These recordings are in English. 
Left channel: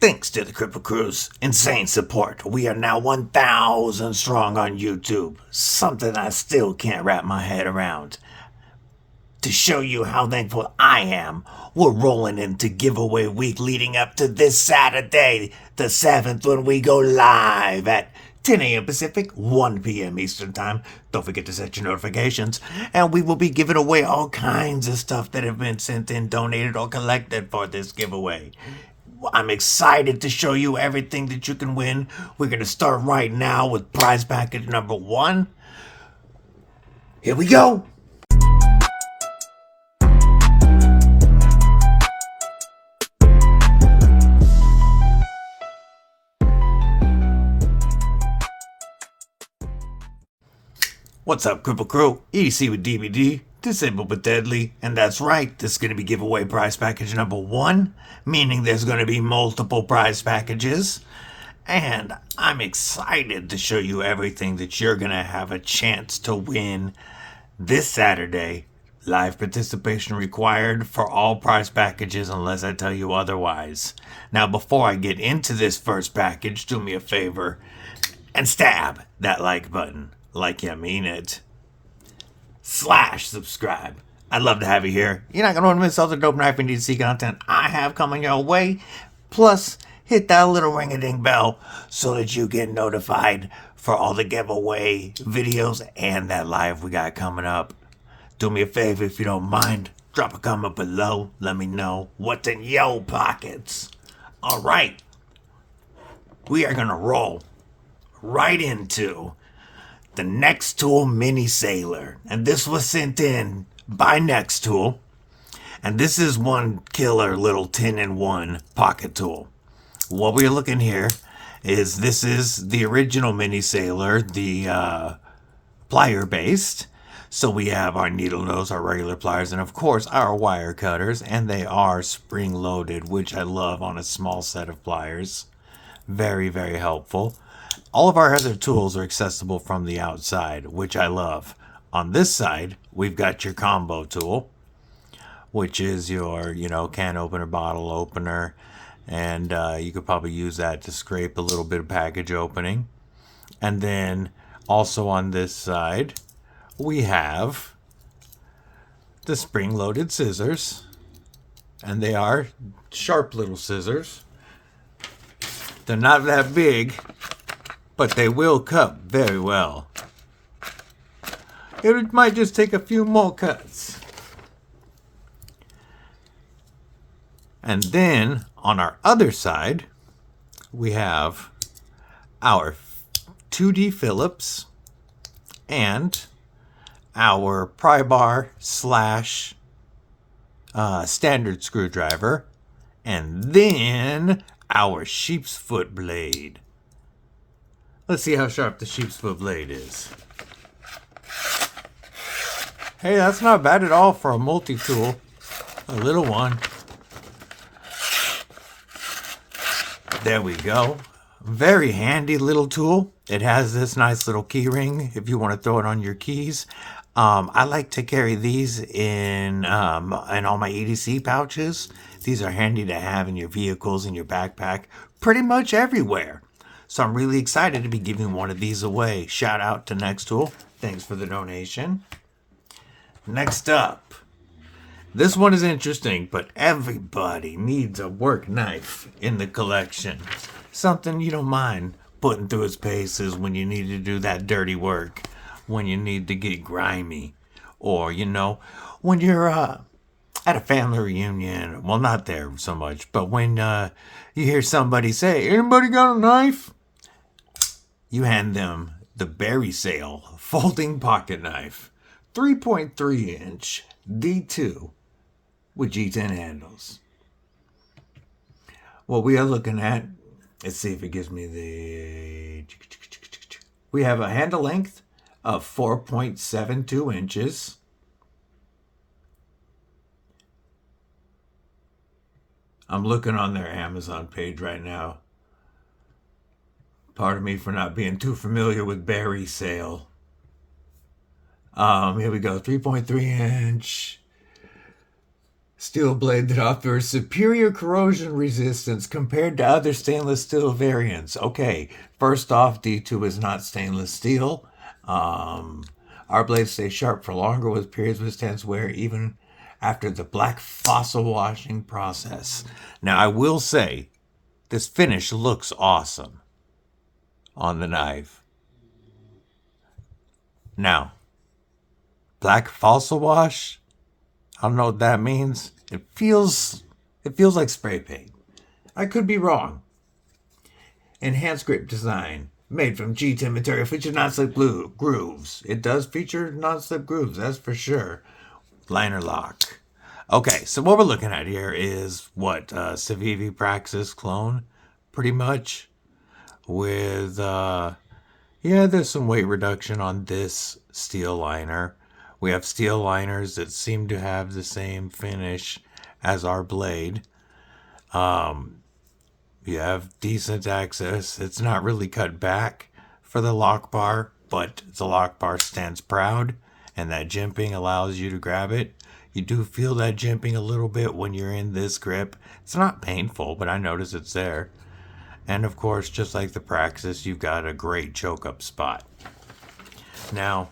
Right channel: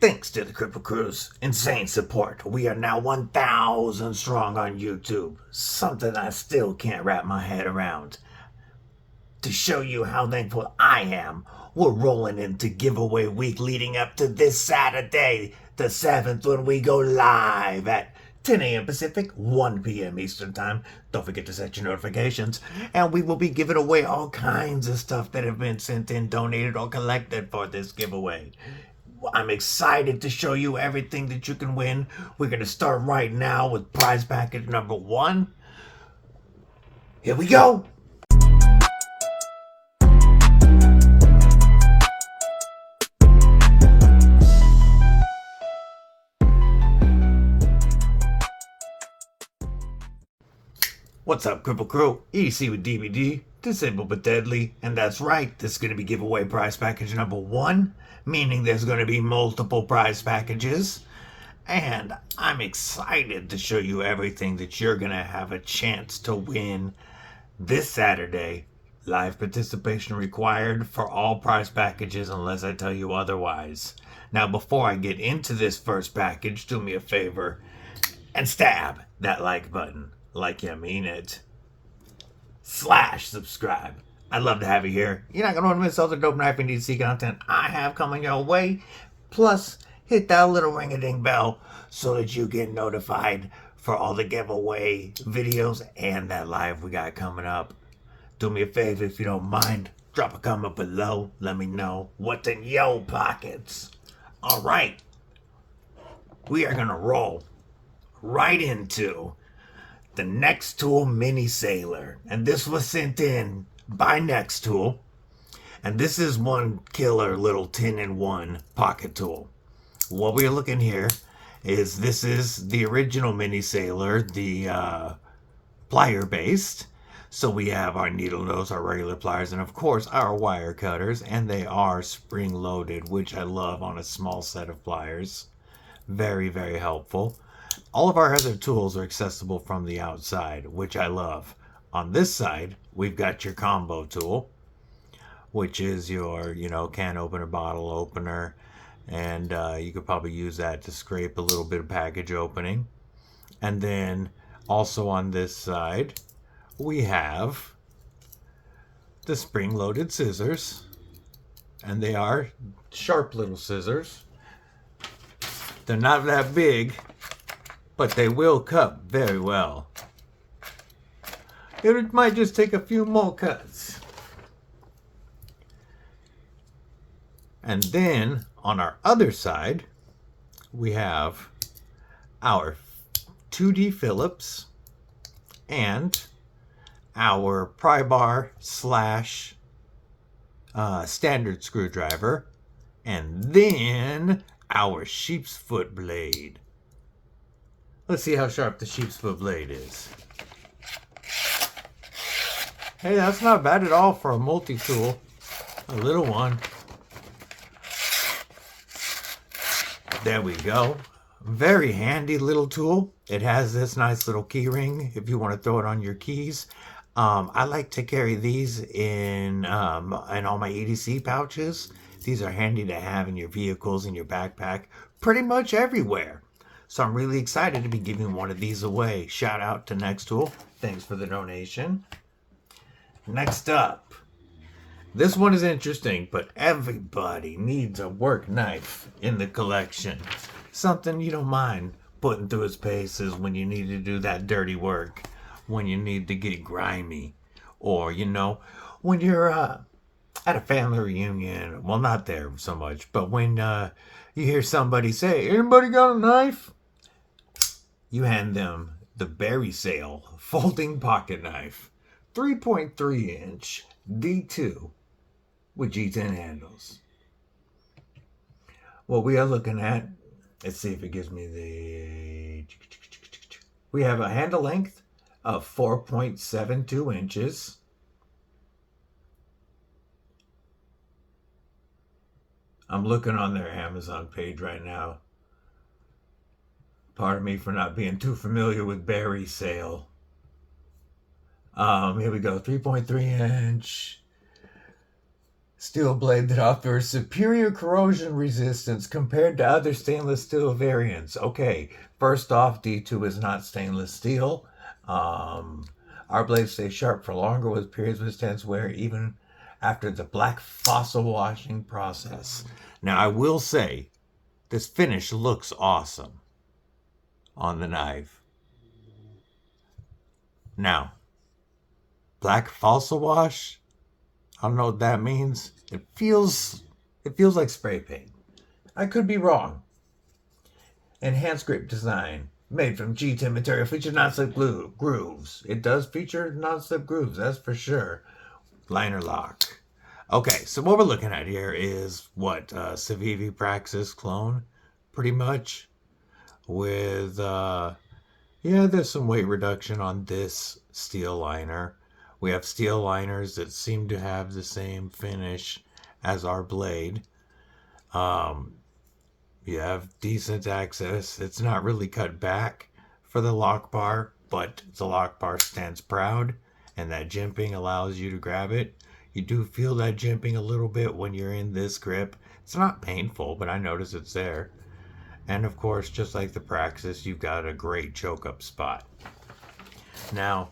Thanks to the Kripple Krew's insane support, we are now 1,000 strong on YouTube, something I still can't wrap my head around. To show you how thankful I am, we're rolling into giveaway week leading up to this Saturday, the 7th, when we go live at 10 a.m. Pacific, 1 p.m. Eastern Time. Don't forget to set your notifications. And we will be giving away all kinds of stuff that have been sent in, donated, or collected for this giveaway. I'm excited to show you everything that you can win. We're going to start right now with prize package number 1. Here we go. What's up, Kripple Krew? EDC with DBD, disabled but deadly, and that's right, this is going to be giveaway prize package number 1, meaning there's going to be multiple prize packages, and I'm excited to show you everything that you're going to have a chance to win this Saturday. Live participation required for all prize packages unless I tell you otherwise. Now, before I get into this first package, do me a favor and stab that like button. Like you mean it. / subscribe. I'd love to have you here. You're not going to want to miss all the dope knife and EDC content I have coming your way. Plus, hit that little ring-a-ding bell so that you get notified for all the giveaway videos and that live we got coming up. Do me a favor if you don't mind. Drop a comment below. Let me know what's in your pockets. All right. We are going to roll right into the Nextool Mini Sailor, and this was sent in by Nextool, and this is one killer little 10-in-1 pocket tool. What we're looking here is this is the original Mini Sailor, the plier based. So we have our needle nose, our regular pliers, and of course our wire cutters, and they are spring loaded, which I love on a small set of pliers. Very, very helpful. All of our other tools are accessible from the outside, which I love. On this side, we've got your combo tool, which is your, can opener, bottle opener, and you could probably use that to scrape a little bit of package opening. And then also on this side, we have the spring-loaded scissors, and they are sharp little scissors. They're not that big, but they will cut very well. It might just take a few more cuts. And then on our other side, we have our 2D Phillips and our pry bar / standard screwdriver, and then our sheep's foot blade. Let's see how sharp the sheep's foot blade is. Hey, that's not bad at all for a multi-tool. A little one. There we go. Very handy little tool. It has this nice little key ring if you want to throw it on your keys. I like to carry these in all my EDC pouches. These are handy to have in your vehicles, in your backpack, pretty much everywhere. So I'm really excited to be giving one of these away. Shout out to Nextool. Thanks for the donation. Next up. This one is interesting, but everybody needs a work knife in the collection. Something you don't mind putting through its paces when you need to do that dirty work. When you need to get grimy. Or, when you're at a family reunion. Well, not there so much, but when you hear somebody say, "Anybody got a knife?" You hand them the Barrysail folding pocket knife, 3.3-inch D2 with G10 handles. What we are looking at, let's see if it gives me the... We have a handle length of 4.72 inches. I'm looking on their Amazon page right now. Pardon me for not being too familiar with Barrysail. Here we go, 3.3 inch. Steel blade that offers superior corrosion resistance compared to other stainless steel variants. Okay, first off, D2 is not stainless steel. Our blades stay sharp for longer with periods withstands wear even after the black fossil washing process. Now, I will say, this finish looks awesome on the knife. Now, black fossil wash, I don't know what that means. It feels like spray paint. I could be wrong. Enhanced grip design, made from G10 material, features non-slip grooves. It does feature non-slip grooves, that's for sure. Liner lock. Okay, so what we're looking at here is what Civivi Praxis clone, pretty much. With there's some weight reduction on this steel liner. We have steel liners that seem to have the same finish as our blade. You have decent access. It's not really cut back for the lock bar, but the lock bar stands proud, and that jimping allows you to grab it. You do feel that jimping a little bit when you're in this grip. It's not painful, but I notice it's there. And of course, just like the Praxis, you've got a great choke up spot. Now,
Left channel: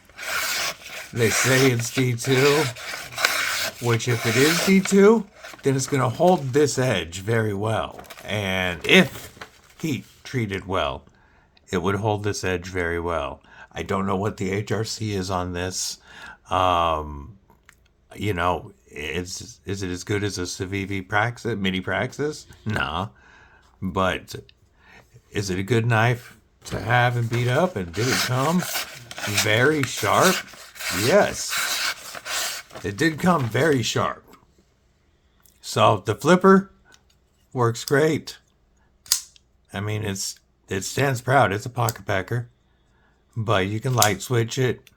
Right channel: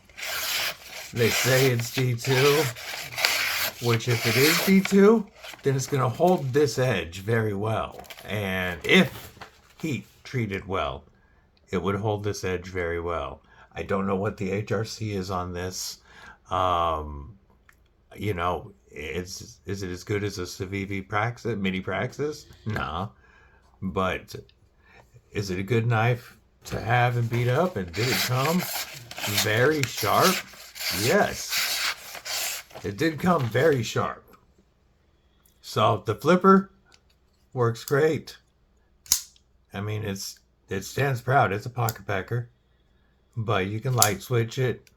they say it's D2, which if it is D2, then it's going to hold this edge very well. And if heat treated well, it would hold this edge very well. I don't know what the HRC is on this. You know, is it as good as a Civivi Praxis, mini Praxis? Nah. But is it a good knife to have and beat up? And did it come very sharp? Yes. It did come very sharp. So the flipper works great. I mean, it stands proud. It's a pocket packer. But you can light switch it.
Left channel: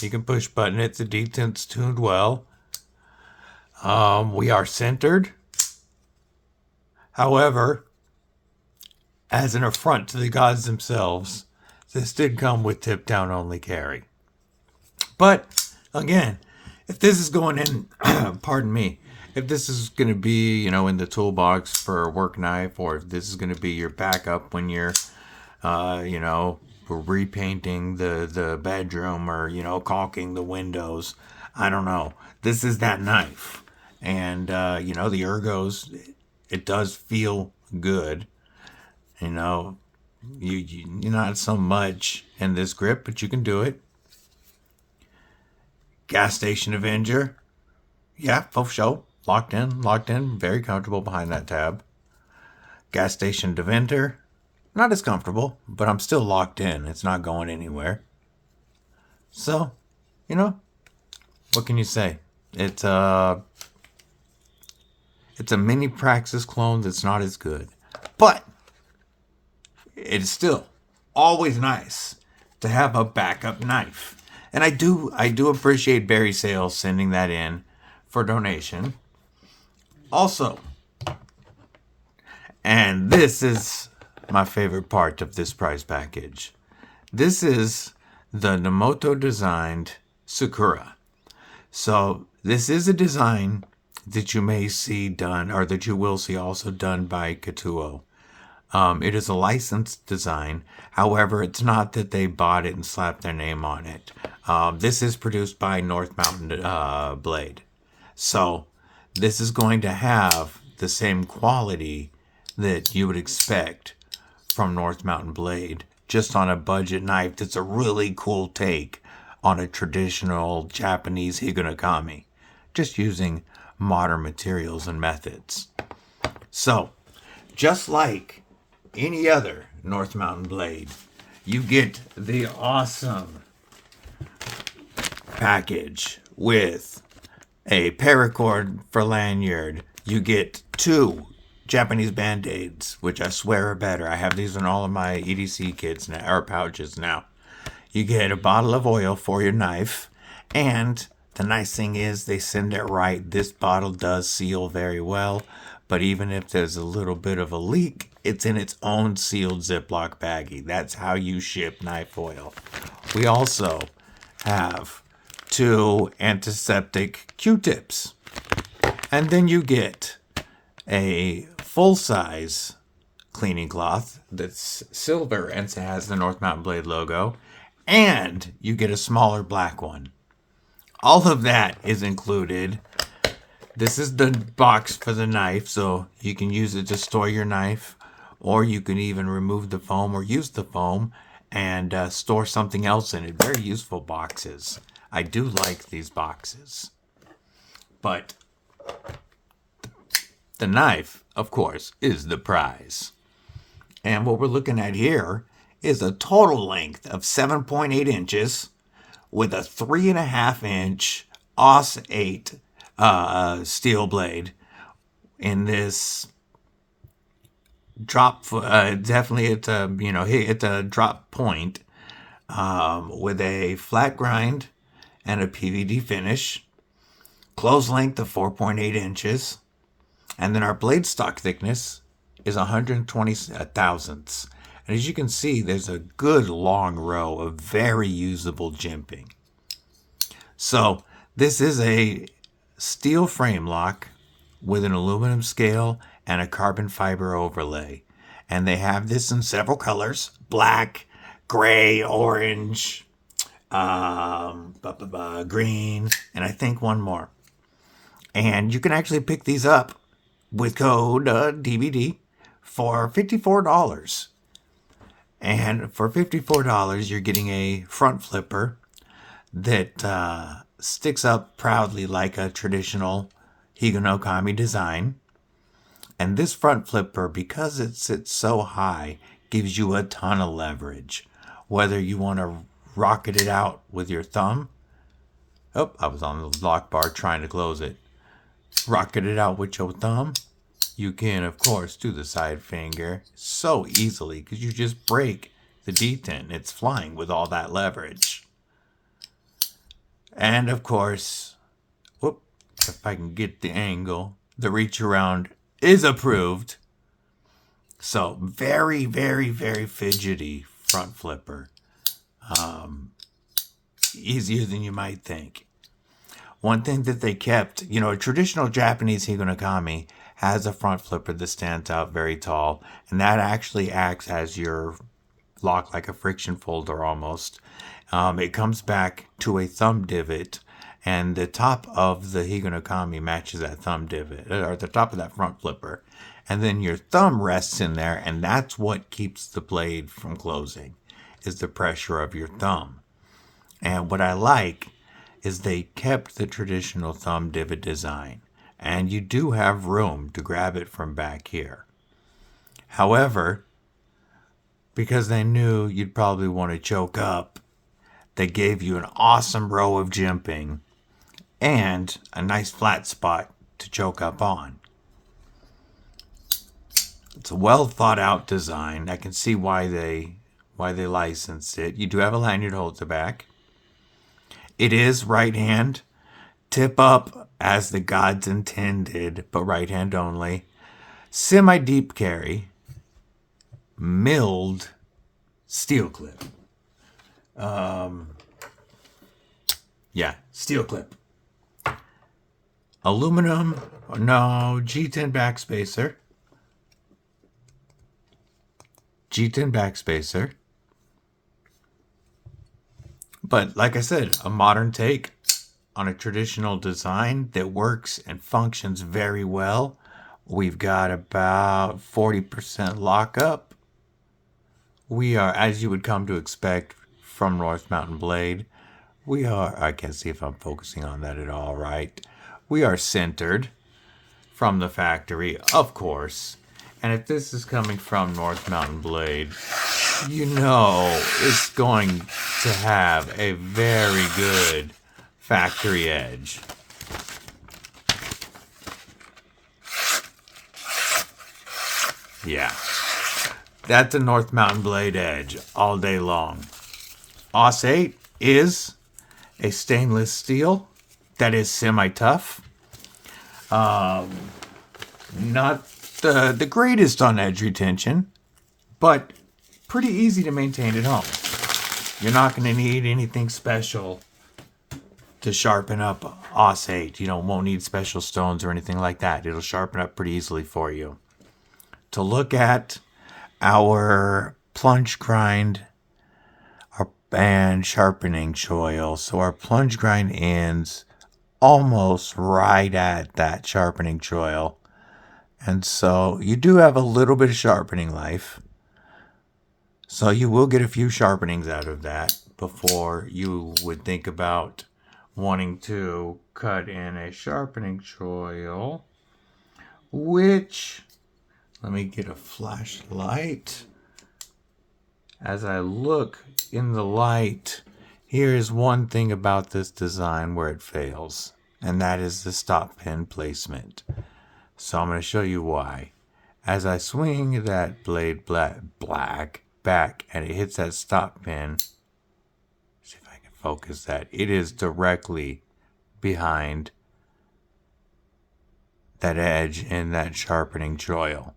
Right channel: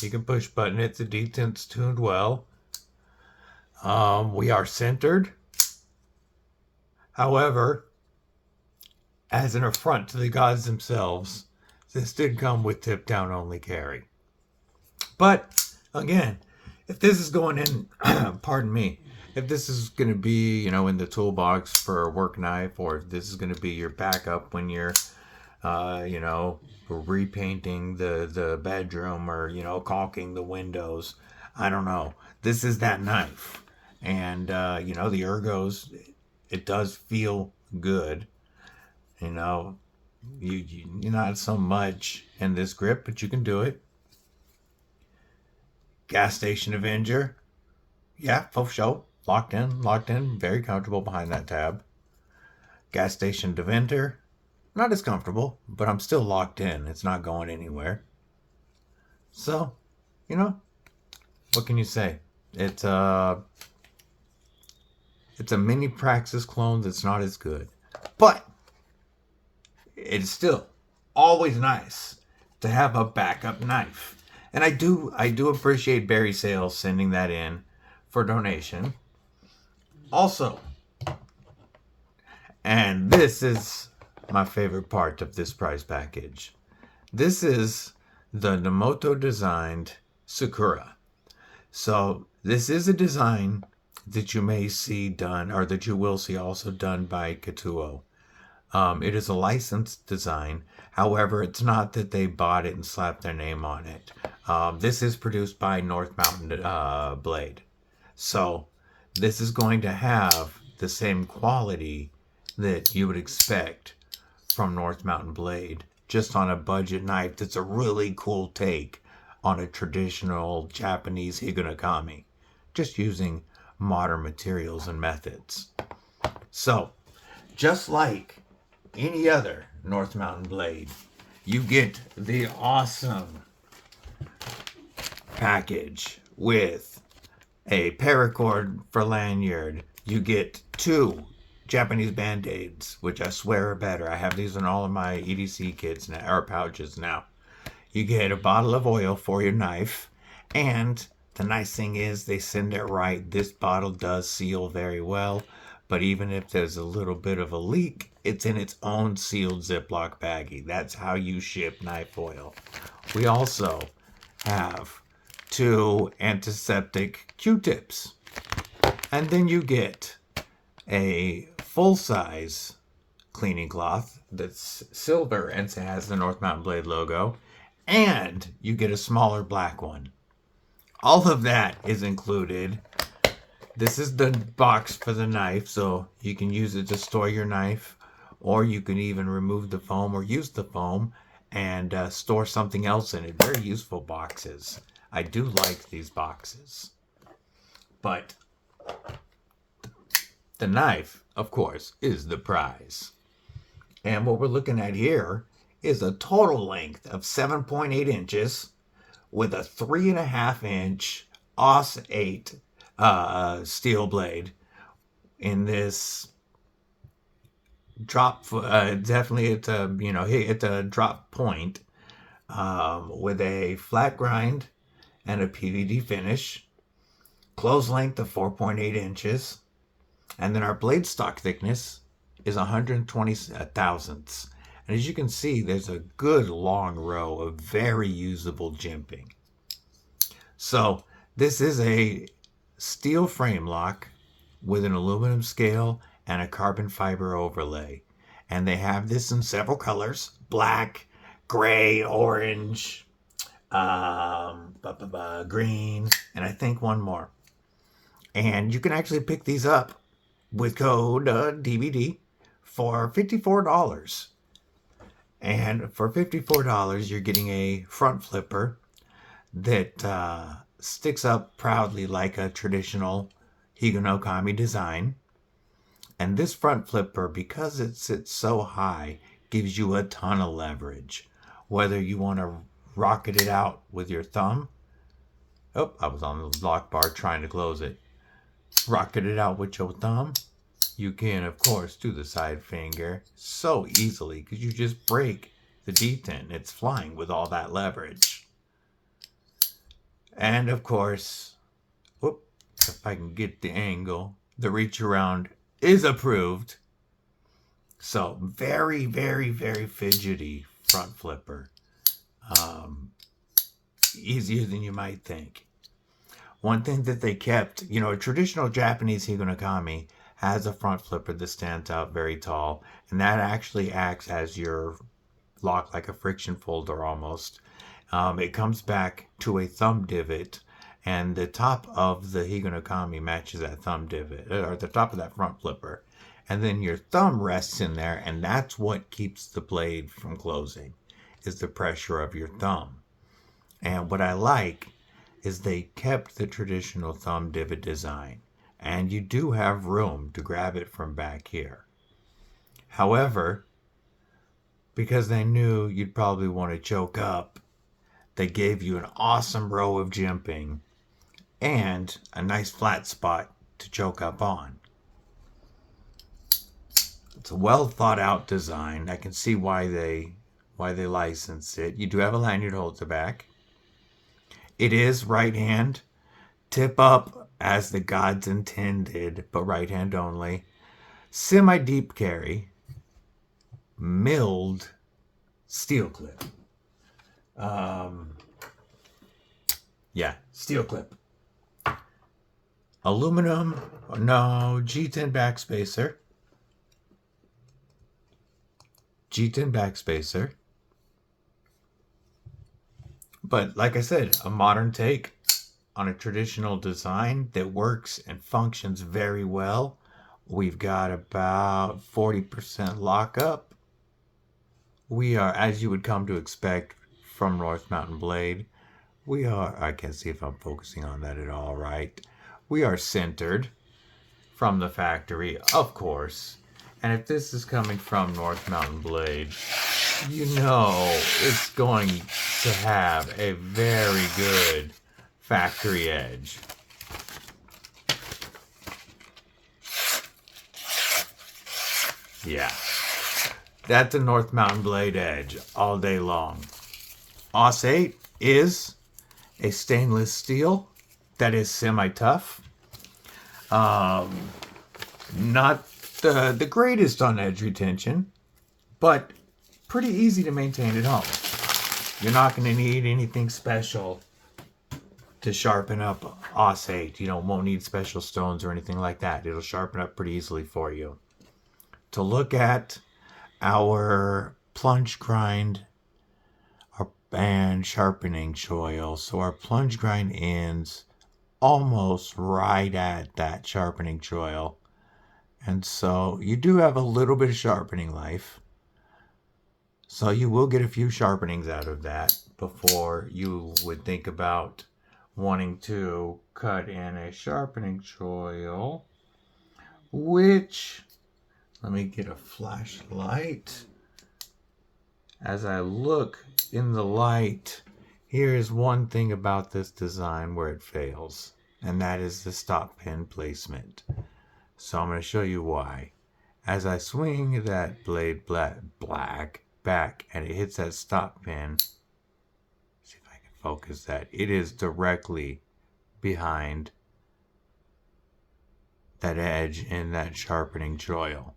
You can push button it. The detent's tuned well. We are centered. However, as an affront to the gods themselves, this did come with tip down only carry. But again, if this is going in, pardon me, if this is going to be, you know, in the toolbox for a work knife, or if this is going to be your backup when you're, you know, repainting the bedroom, or, you know, caulking the windows, I don't know. This is that knife. And, you know, the ergos, it does feel good. You know, you're not so much in this grip, but you can do it. Gas Station Avenger. Yeah, for sure. Locked in. Very comfortable behind that tab. Gas Station Deventer. Not as comfortable, but I'm still locked in. It's not going anywhere. So, you know, what can you say? It's a mini Praxis clone that's not as good. But it's still always nice to have a backup knife. And I do appreciate Barrysail sending that in for donation. Also, and this is my favorite part of this prize package. This is the Nomoto designed Sakura. So this is a design that you may see done, or that you will see also done by Krew To. It is a licensed design. However, it's not that they bought it and slapped their name on it. This is produced by North Mountain Blade. So this is going to have the same quality that you would expect from North Mountain Blade, just on a budget knife that's a really cool take on a traditional Japanese higanokami, just using modern materials and methods. So, just like any other North Mountain Blade, you get the awesome package with a paracord for lanyard. You get 2 Japanese band-aids, which I swear are better. I have these in all of my EDC kits now, or pouches now. You get a bottle of oil for your knife, and the nice thing is they send it right. This bottle does seal very well, but even if there's a little bit of a leak, it's in its own sealed Ziploc baggie. That's how you ship knife oil. We also have 2 antiseptic Q-tips. And then you get a full-size cleaning cloth that's silver and has the North Mountain Blade logo. And you get a smaller black one. All of that is included. This is the box for the knife, so you can use it to store your knife, or you can even remove the foam or use the foam and store something else in it. Very useful boxes. I do like these boxes. But the knife, of course, is the prize. And what we're looking at here is a total length of 7.8 inches with a 3.5 inch AUS 8 steel blade in this drop. Definitely it's a drop point with a flat grind and a PVD finish. Close length of 4.8 inches. And then our blade stock thickness is 120 thousandths. And as you can see, there's a good long row of very usable jimping. So this is a steel frame lock with an aluminum scale and a carbon fiber overlay. And they have this in several colors: black, gray, orange, green, and I think one more. And you can actually pick these up with code DBD for $54. And for $54, you're getting a front flipper that sticks up proudly like a traditional Higa no Kami design. And this front flipper, because it sits so high, gives you a ton of leverage. Whether you want to rocket it out with your thumb. Oh, I was on the lock bar trying to close it. Rocket it out with your thumb. You can, of course, do the side finger so easily because you just break the detent. It's flying with all that leverage. And, of course, whoop, if I can get the angle, the reach around is approved. So, very, very, very fidgety front flipper. Easier than you might think. One thing that they kept, a traditional Japanese Higa no Kami has a front flipper that stands out very tall, and that actually acts as your lock, like a friction folder almost. It comes back to a thumb divot, and the top of the Higa no Kami matches that thumb divot, or the top of that front flipper. And then your thumb rests in there, and that's what keeps the blade from closing, is the pressure of your thumb. And what I like is they kept the traditional thumb divot design. And you do have room to grab it from back here. However, because they knew you'd probably want to choke up, they gave you an awesome row of jimping and a nice flat spot to choke up on. It's a well thought out design. I can see why they licensed it. You do have a lanyard holds the back. It is right hand, tip up as the gods intended, but right hand only. Semi-deep carry, milled steel clip. Steel clip. Aluminum, no, G10 backspacer. G10 backspacer. But like I said, a modern take on a traditional design that works and functions very well. We've got about 40% lockup. We are, as you would come to expect from North Mountain Blade, I can't see if I'm focusing on that at all, right? We are centered from the factory, of course. And if this is coming from North Mountain Blade, it's going to have a very good factory edge. Yeah, that's a North Mountain Blade edge all day long. AUS 8 is a stainless steel that is semi-tough. Not the greatest on edge retention, but pretty easy to maintain at home. You're not going to need anything special to sharpen up Auss 8. You won't need special stones or anything like that. It'll sharpen up pretty easily for you. To look at our plunge grind and sharpening choil. So our plunge grind ends almost right at that sharpening choil. And so you do have a little bit of sharpening life. So you will get a few sharpenings out of that before you would think about wanting to cut in a sharpening choil, which, let me get a flashlight. As I look in the light, here is one thing about this design where it fails, and that is the stop pin placement. So I'm going to show you why. As I swing that blade black back and it hits that stop pin, see if I can focus that, it is directly behind that edge in that sharpening choil.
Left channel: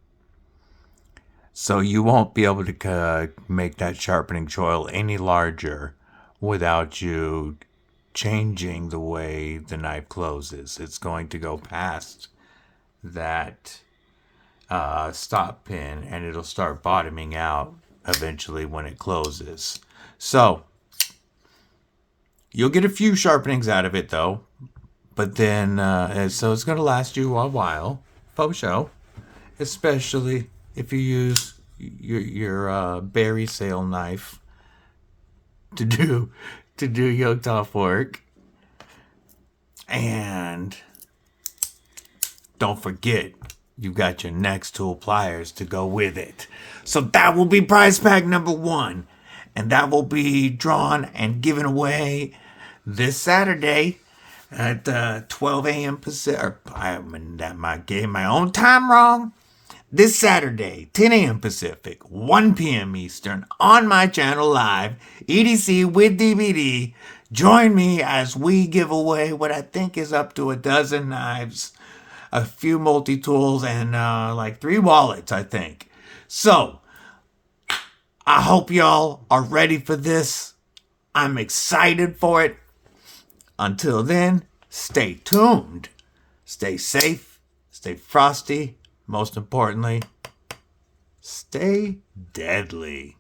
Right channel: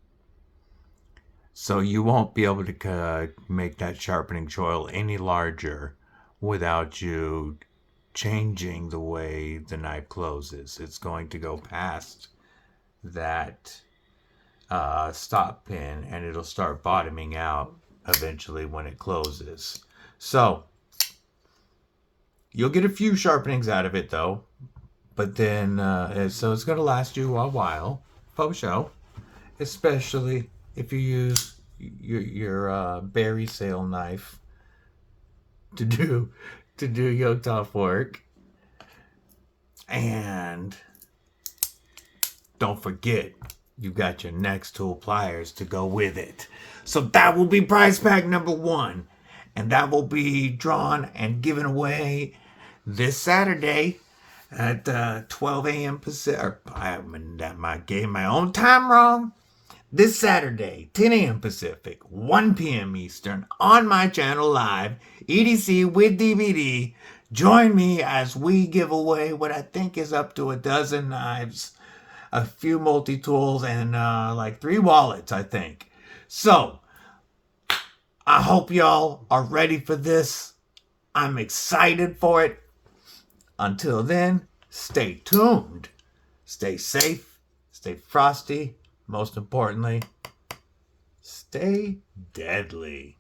So you won't be able to make that sharpening choil any larger without you changing the way the knife closes. It's going to go past that stop pin and it'll start bottoming out eventually when it closes. So you'll get a few sharpenings out of it though, but then so it's going to last you a while, for sure, especially if you use your Barrysail knife to do yoke off work. And don't forget, you've got your next tool pliers to go with it. So that will be prize pack number 1. And that will be drawn and given away this Saturday at 12 a.m. Pacific. I gave my own time wrong. This Saturday, 10 a.m. Pacific, 1 p.m. Eastern, on my channel live, EDC with DBD. Join me as we give away what I think is up to a dozen knives, a few multi-tools, and like 3 wallets, I think. So, I hope y'all are ready for this. I'm excited for it. Until then, stay tuned. Stay safe. Stay frosty. Most importantly, stay deadly.